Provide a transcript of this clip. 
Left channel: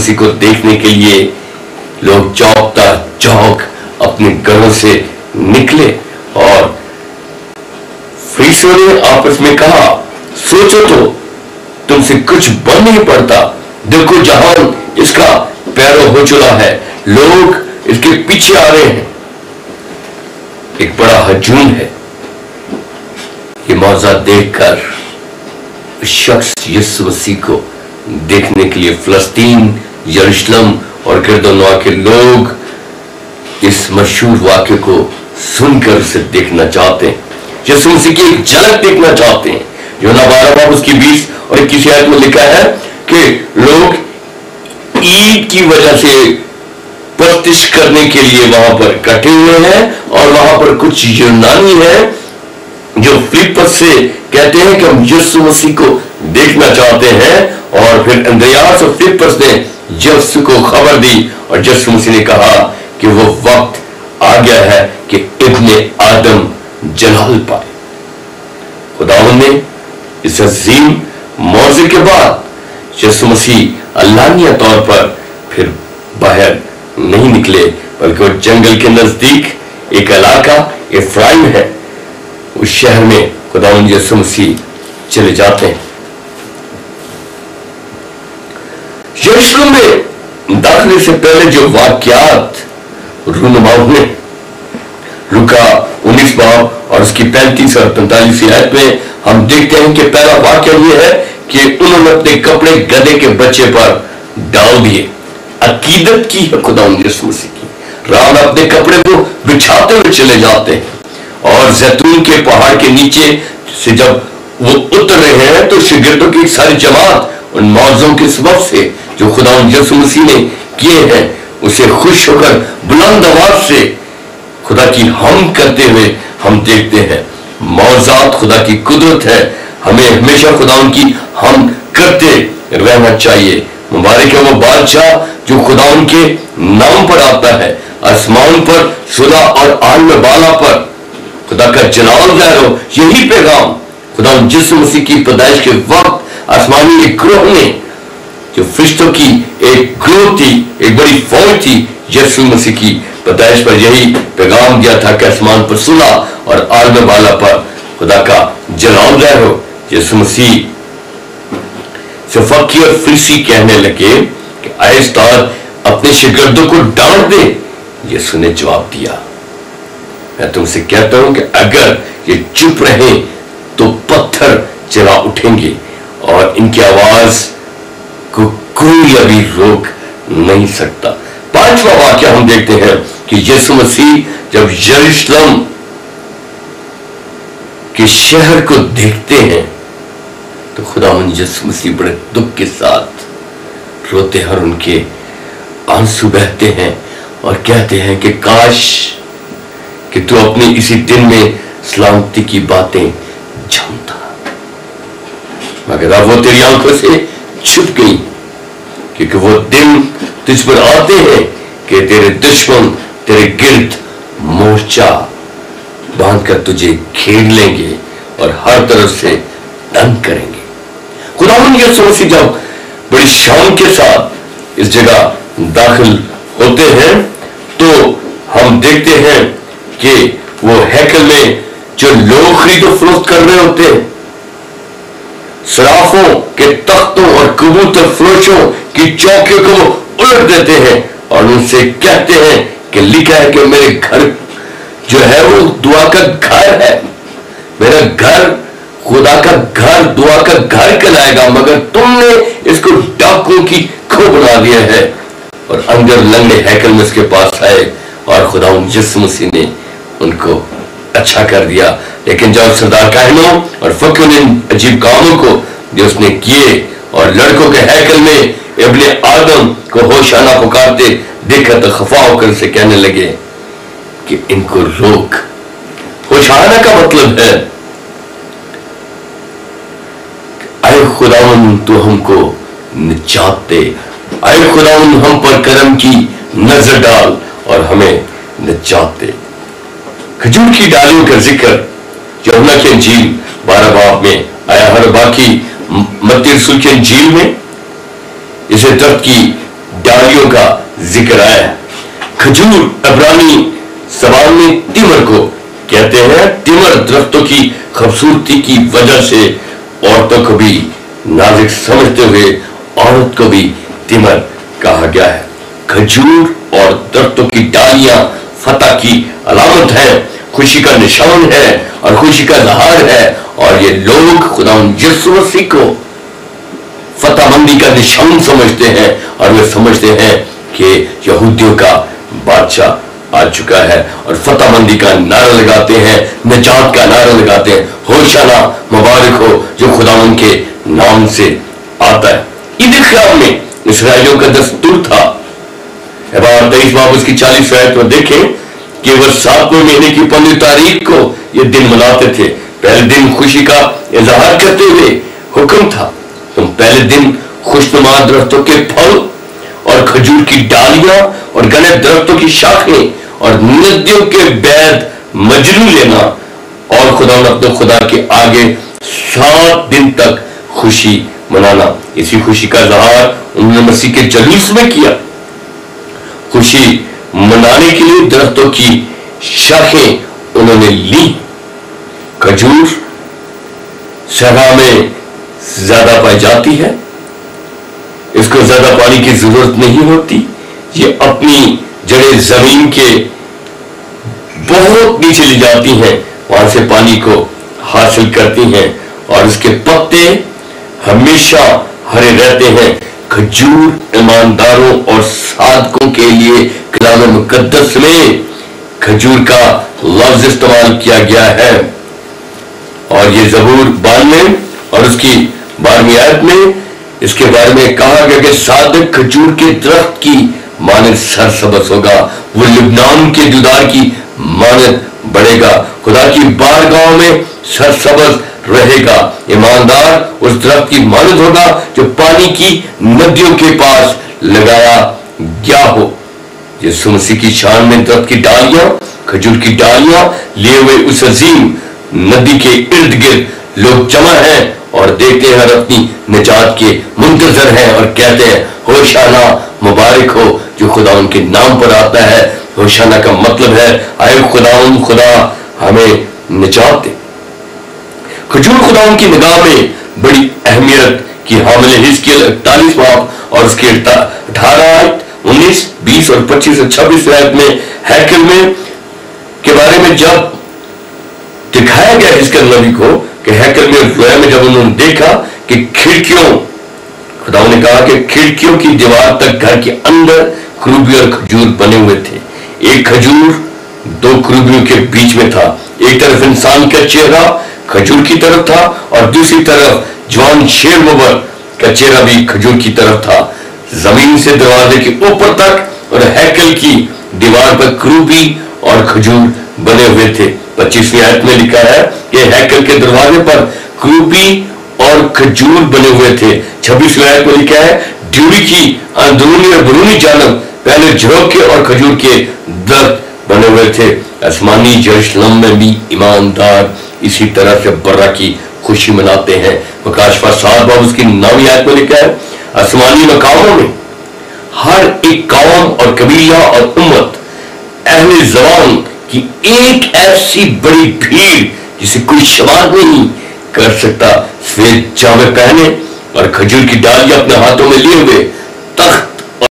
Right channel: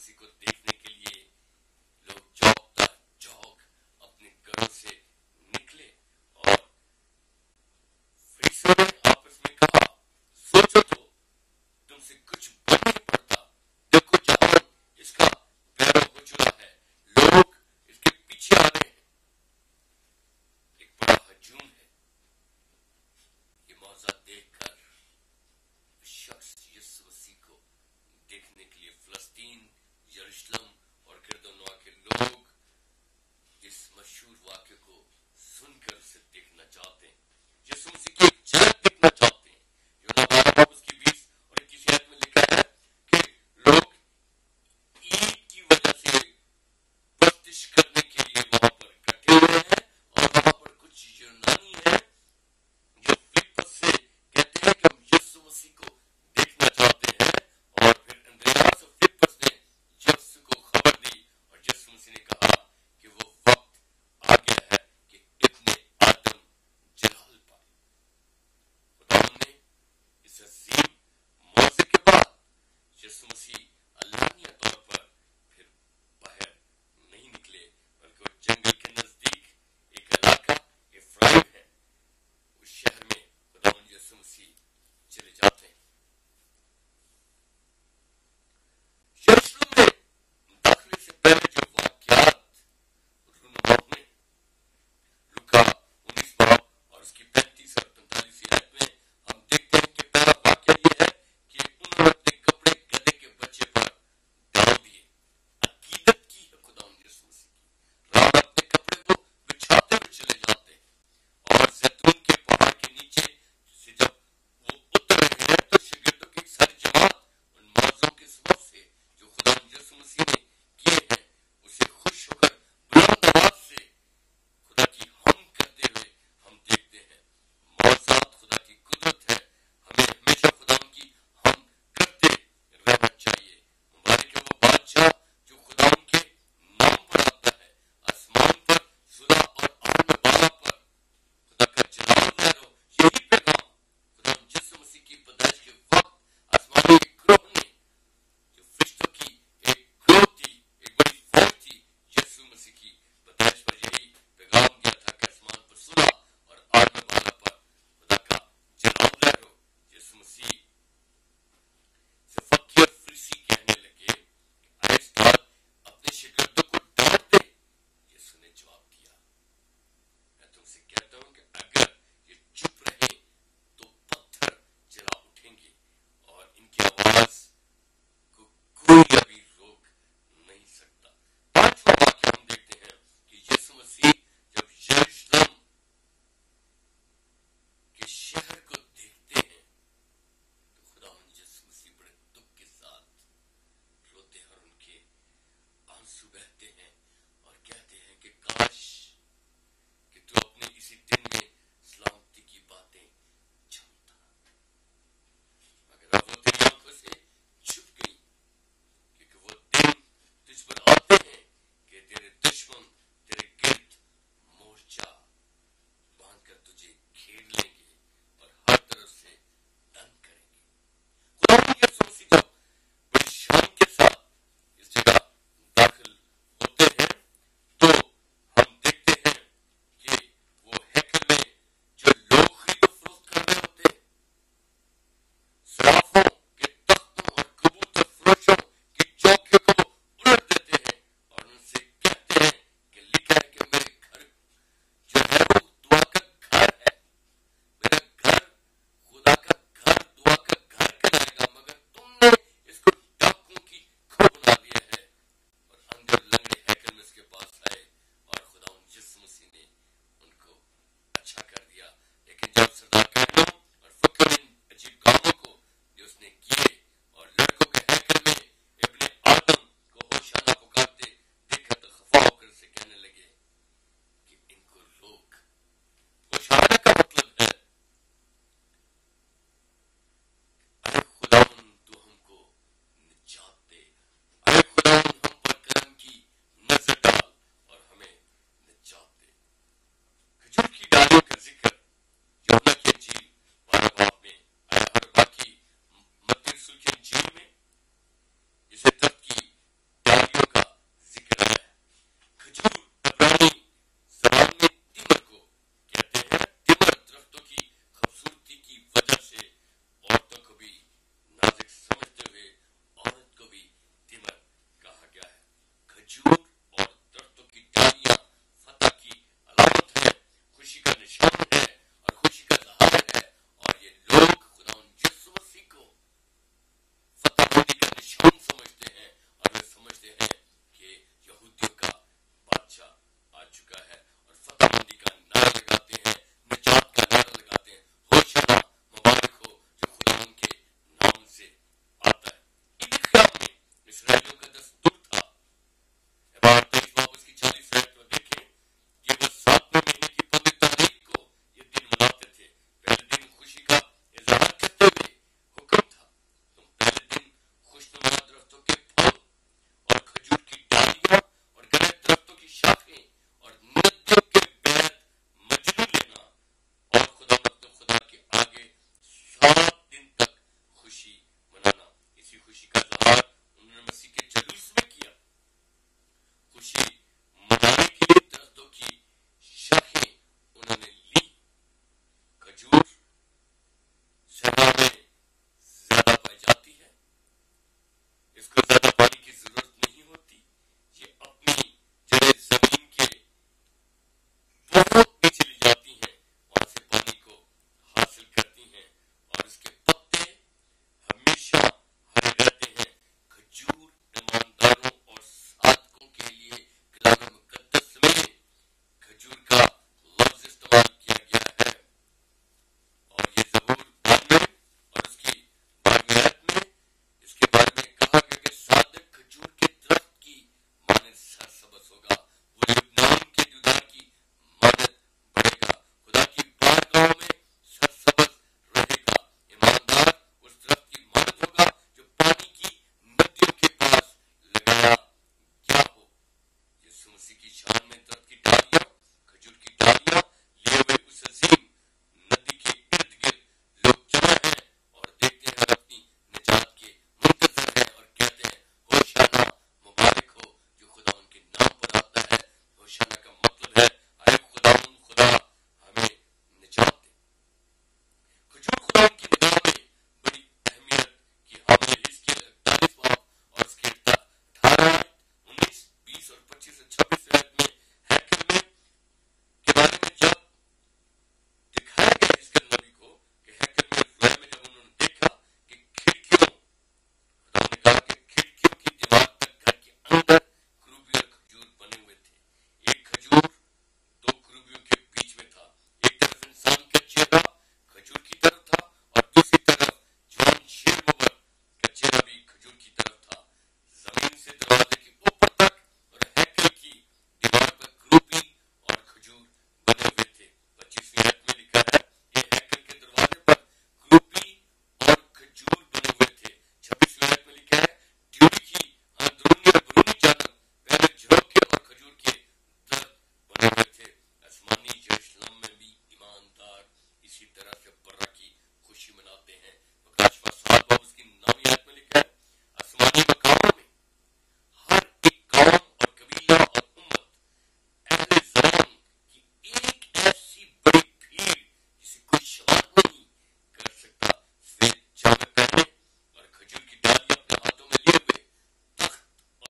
مسیح को देखने के लिए लोग चौंकता चौंक अपने घरों से निकले और फरीसियों ने आपस में कहा, सोचो तो, तुमसे कुछ बन नहीं पड़ता। देखो जहान इसका पैरों हो चुका है, लोग इसके पीछे आ रहे हैं। एक बड़ा हजूम है। ये मौजा देखकर शख्स यीशु मसीह को देखने के लिए फिलिस्तीन, यरूशलेम और गिरदोनवा के लोग इस मशहूर वाक्य को सुनकर उसे देखना चाहते हैं, यीशु मसीह की एक झलक देखना चाहते हैं। यूहन्ना 12 बाब उसकी 20 और 21 आयत में लिखा है कि लोग ईद की वजह से प्रतिष्ठ करने के लिए वहां पर इकट्ठे हुए हैं और वहां पर कुछ यूनानी हैं जो फिलिप्पस से कहते हैं कि हम यीशु मसीह को देखना चाहते हैं। और फिर अंद्रियास और फिलिप्पस ने यीशु को खबर दी और यीशु मसीह ने कहा कि वो वक्त आ गया है कि इब्ने आदम जलाल पाए। खुदावंद ने इस अजीम मौजे के बाद यीशु मसीह अल्लानिया तौर पर फिर बाहर नहीं निकले, बल्कि वो जंगल के नजदीक एक इलाका इफ्राइम है, उस शहर में खुदावंद यीशु मसीह चले जाते हैं। यरूशलेम में दाखिले से पहले जो वाक्यात रूनुमाओं ने लूका 19 बाब और उसकी 35 और 45 आयत में हम देखते हैं कि पहला वाक्य यह है कि उन्होंने अपने कपड़े गधे के बच्चे पर डाल दिए। अकीदत की है खुदावंद यीशु मसीह की। राम अपने कपड़े को बिछाते हुए चले जाते हैं और जैतून के पहाड़ के नीचे से जब वो उतर रहे हैं तो शागिर्दों की सारी जमात उन मौजों के सबब से जो खुदावंद यीशु मसीह ने किए हैं उसे खुश होकर बुलंद आवाज से खुदा की हम करते हुए हम देखते हैं। मौजात खुदा की कुदरत है, हमें हमेशा खुदावंद की हम करते रहना चाहिए। मुबारक है वो बादशाह जो खुदावंद के नाम पर आता है। आसमान पर सुलह और आलम बाला पर खुदा का जलाल ज़ाहिर हो, यही पैगाम खुदावंद यीशु मसीह की पैदाइश के वक्त आसमानी एक ग्रोह ने, जो फरिश्तों की एक ग्रोह थी, एक बड़ी फौज थी, यीशु मसीह की पैदाइश पर यही पैगाम दिया था कि आसमान पर सुलह और आलम बाला पर खुदा का जलाल ज़ाहिर हो। यीशु मसीह से फकीर और फरीसी कहने लगे कि आए उस्ताद अपने शागिर्दों को डांट दे। यीशु ने जवाब दिया, मैं तुमसे कहता हूं कि अगर ये चुप रहे तो पत्थर चला उठेंगे और इनकी आवाज को कोई अभी रोक नहीं सकता। पांचवा वाक्य हम देखते हैं कि यीशु मसीह जब यरूशलेम के शहर को देखते हैं तो खुदावंद यीशु मसीह बड़े दुख के साथ रोते हैं और उनके आंसू बहते हैं और कहते हैं कि काश कि तू अपने इसी दिन में सलामती की बातें जानता, मगर अब वो तेरी आंखों से छुप गई, क्योंकि वो दिन तुझ पर आते हैं कि तेरे दुश्मन तेरे गिर्द मोर्चा बांधकर तुझे घेर लेंगे और हर तरफ से तंग करेंगे। खुदावंद यीशु मसीह जब बड़ी शान के साथ इस जगह दाखिल होते हैं तो हम देखते हैं कि वो हैकल में जो लोग खरीदो फरोख्त कर रहे होते हैं, सराफों के तख्तों और कबूतर फरोशों की चौकियों को वो उलट देते हैं और उनसे कहते हैं कि लिखा है कि मेरे घर जो है वो दुआ का घर है, मेरा घर खुदा का घर, दुआ का घर कहलाएगा, मगर तुमने इसको डाकुओं की खो बना दिया है। और अंदर लंगड़े हैकल में उसके पास आए और खुदावंद यीशु मसीह ने उनको अच्छा कर दिया। लेकिन जब सरदार काहिनों और फकीरों ने अजीब कामों को जो उसने किए और लड़कों के हैकल में इब्ने आदम को होशाना पुकारते देखा तो खफा होकर उसे कहने लगे कि इनको रोक। होशाना का मतलब है आए खुदावंद तू हमको निजात दे, आए खुदावंद हम पर करम की नजर डाल और हमें निजात दे। खजूर की डालियों का जिक्र यूहन्ना की इंजील 12 बाब में आया है, बाकी मत्ती रसूल की इंजील में इसे दर्द की डालियों का जिक्र आया है। खजूर अब्रानी ज़बान में तिमर को कहते हैं। तिमर दरख्तों की खूबसूरती की वजह से औरतों को भी नाजुक समझते हुए औरत को भी तिमर कहा गया है। खजूर और दरख्तों की डालियां फतह की अलामत है, खुशी का निशान है और खुशी का इज़हार है। और ये लोग खुदावंद यीशु मसीह को फतहमंदी का निशान समझते हैं और वे समझते हैं कि यहूदियों का बादशाह आ चुका है और फतहमंदी का नारा लगाते हैं, निजात का नारा लगाते हैं, होशाना मुबारक हो जो खुदावंद के नाम से आता है। ईद ख्याम में इसराइलियों का दस्तूर था। 23 बाब उसकी 40 आयत में देखें कि वह 7वें महीने की 15 तारीख को ये दिन मनाते थे। पहले दिन खुशी का इजहार करते हुए हुक्म था, तुम पहले दिन खुशनुमा दरख्तों के फल और खजूर की डालियां और घने दरख्तों की शाखें और नदियों के बैद मजरू लेना और खुदा अपने खुदा के आगे 7 दिन तक खुशी मनाना। इसी खुशी का इजहार उन्होंने मसीह के जलूस में किया। खुशी मनाने के लिए दरख्तों की शाखें उन्होंने ली। खजूर सहरा में ज्यादा पाई जाती है, इसको ज्यादा पानी की जरूरत नहीं होती। ये अपनी जड़ें जमीन के बहुत नीचे ले जाती हैं, वहां से पानी को हासिल करती हैं और इसके पत्ते हमेशा हरे रहते हैं। खजूर ईमानदारों और साधकों के लिए कलाम मुकद्दस में खजूर का लफ्ज इस्तेमाल किया गया है और ये ज़बूर 92 और उसकी 12वीं आयत में इसके बारे में कहा गया कि सादक खजूर के दरख्त की मानद सरसब्ज़ होगा, वो लिबनान के देवदार की मानद बढ़ेगा, खुदा की बारगाह में सरसब्ज़ रहेगा। ईमानदार उस दरख्त की मानद होगा जो पानी की नदियों के पास लगाया गया हो। यीशु मसीह की शान में दरख्त की डालियां, खजूर की डालियां लिए हुए उस अजीम नदी के इर्द गिर्द लोग जमा हैं और देखते हैं और अपनी निजात के मुंतजर हैं और कहते हैं, होशाना मुबारक हो जो खुदा उनके नाम पर आता है। होशाना का मतलब है आए खुदा हमें निजात दे। खजूर खुदा उनकी निगाह में बड़ी अहमियत की हामिल है। हिजकिय्याह 41 बाब और उसके 18, 19, 20 और 25 और 26 आयत में हैकल में के बारे में जब दिखाया गया हिजकिय्याह नबी को कि हैकल में रोया में जब उन्होंने देखा कि खिड़कियों, खुदा ने कहा कि खिड़कियों की दीवार तक घर के अंदर खरूबी और खजूर बने हुए थे। एक खजूर 2 खरूबियों के बीच में था, एक तरफ इंसान का चेहरा खजूर की तरफ था और दूसरी तरफ जवान शेर मुबर का चेहरा भी खजूर की तरफ था। जमीन से दरवाजे के ऊपर तक और हैकल की दीवार पर खरूबी और खजूर बने हुए थे। 25वीं आयत में लिखा है कि हैकल के दरवाजे पर खरूबी और खजूर बने हुए थे। 26वीं आयत में लिखा है ड्यूरी की अंदरूनी और बरूनी जानब पहले झरोखे और खजूर के दरख्त बने हुए थे। आसमानी यरूशलेम में भी ईमानदार इसी तरह से बर्रा की खुशी मनाते हैं। मुकाशफा 7 बाब उसकी 9वीं आयत में लिखा है आसमानी मकामों में हर एक कौम और कबीला और उम्मत अहले ज़बान की एक ऐसी बड़ी भीड़ जिसे कोई शुमार नहीं कर सकता, सफेद जामे पहने और खजूर की डालियां अपने हाथों में लिए हुए तख्त